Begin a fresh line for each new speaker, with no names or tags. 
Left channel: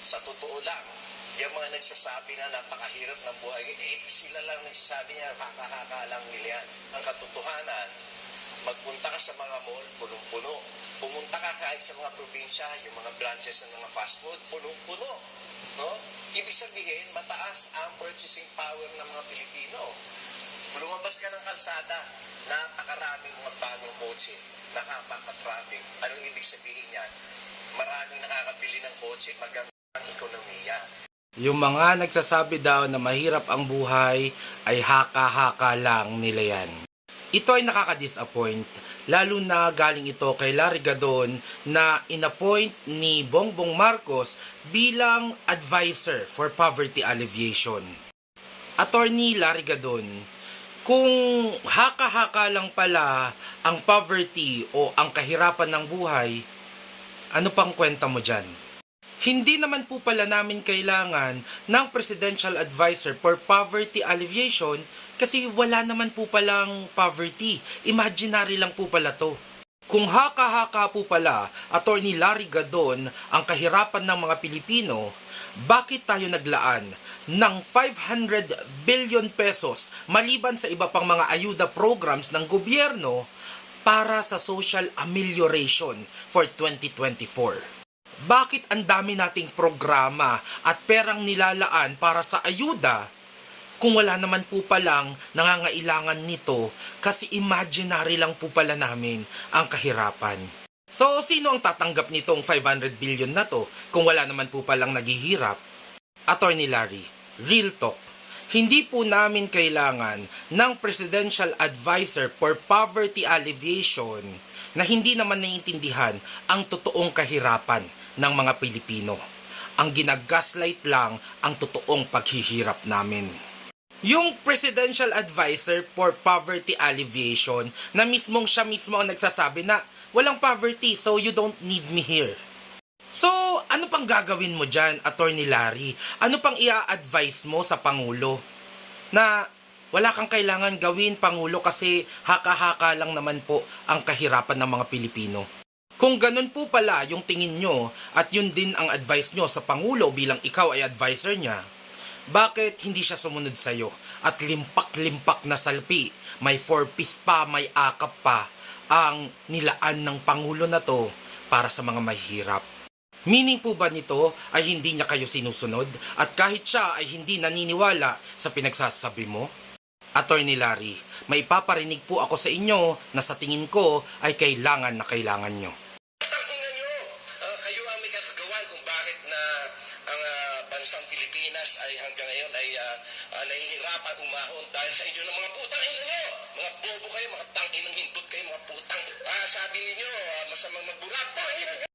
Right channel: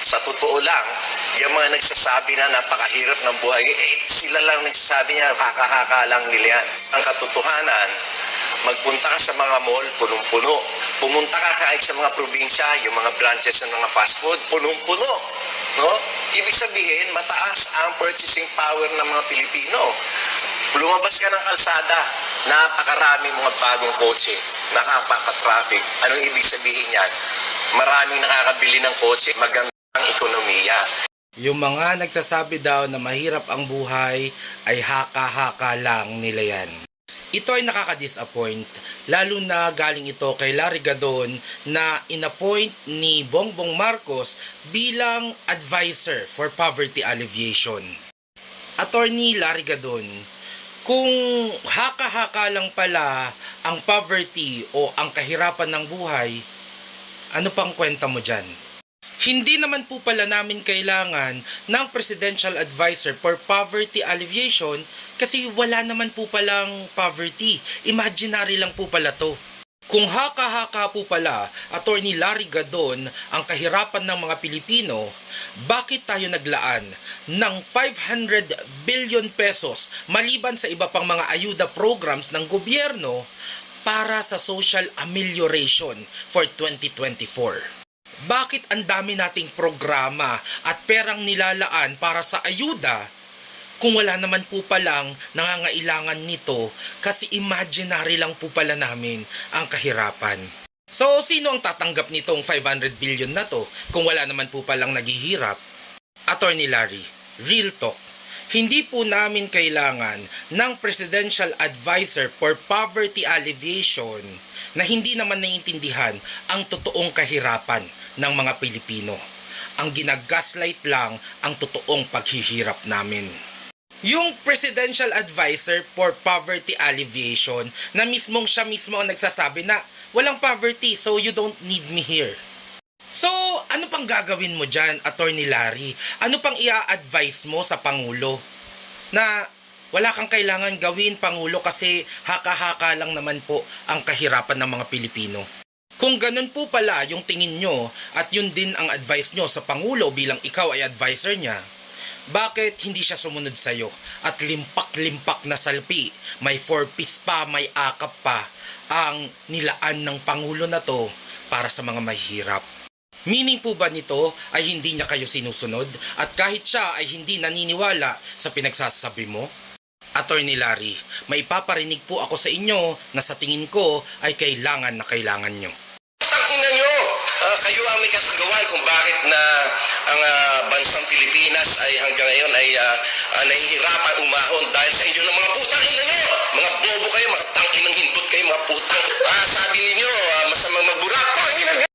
Sa totoo lang, yung mga nagsasabi na napakahirap ng buhay, eh, sila lang nagsasabi niya, haka-haka lang nila yan. Ang katotohanan, magpunta ka sa mga mall, punong-puno. Pumunta ka kahit sa mga probinsya, yung mga branches ng mga fast food, punong-puno. No? Ibig sabihin, mataas ang purchasing power ng mga Pilipino. Lumabas ka ng kalsada, napakaraming mga bagong kotse, nakapaka-traffic. Anong ibig sabihin yan? Maraming nakakabili ng kotse, magandang ekonomiya.
Yung mga nagsasabi daw na mahirap ang buhay ay haka-haka lang nila yan. Ito ay nakaka-disappoint, lalo na galing ito kay Larry Gadon na inappoint ni Bongbong Marcos bilang advisor for poverty alleviation. Attorney Larry Gadon, kung haka-haka lang pala ang poverty o ang kahirapan ng buhay, ano pang kwenta mo dyan? Hindi naman po pala namin kailangan ng Presidential Advisor for Poverty Alleviation kasi wala naman po palang poverty. Imaginary lang po pala to. Kung haka-haka po pala, Attorney Larry Gadon, ang kahirapan ng mga Pilipino, bakit tayo naglaan ng 500 billion pesos maliban sa iba pang mga ayuda programs ng gobyerno para sa social amelioration for 2024? Bakit ang dami nating programa at perang nilalaan para sa ayuda kung wala naman po palang nangangailangan nito kasi imaginary lang po pala namin ang kahirapan. So, sino ang tatanggap nitong 500 billion na to kung wala naman po palang naghihirap? Attorney Larry, real talk. Hindi po namin kailangan ng Presidential Advisor for Poverty Alleviation na hindi naman naiintindihan ang totoong kahirapan ng mga Pilipino. Ang ginagaslight lang ang totoong paghihirap namin. Yung Presidential Advisor for Poverty Alleviation na mismong siya mismo ang nagsasabi na walang poverty so you don't need me here. So, ano pang gagawin mo dyan, Attorney Larry? Ano pang ia-advise mo sa Pangulo? Na wala kang kailangan gawin, Pangulo, kasi haka-haka lang naman po ang kahirapan ng mga Pilipino. Kung ganun po pala yung tingin nyo at yun din ang advice nyo sa Pangulo bilang ikaw ay advisor niya, bakit hindi siya sumunod sa'yo at limpak-limpak na salpi, may four-piece pa, may akap pa, ang nilaan ng Pangulo na to para sa mga mahihirap? Meaning po ba nito ay hindi niya kayo sinusunod at kahit siya ay hindi naniniwala sa pinagsasabi mo? Attorney Larry, may paparinig po ako sa inyo na sa tingin ko ay kailangan na kailangan nyo.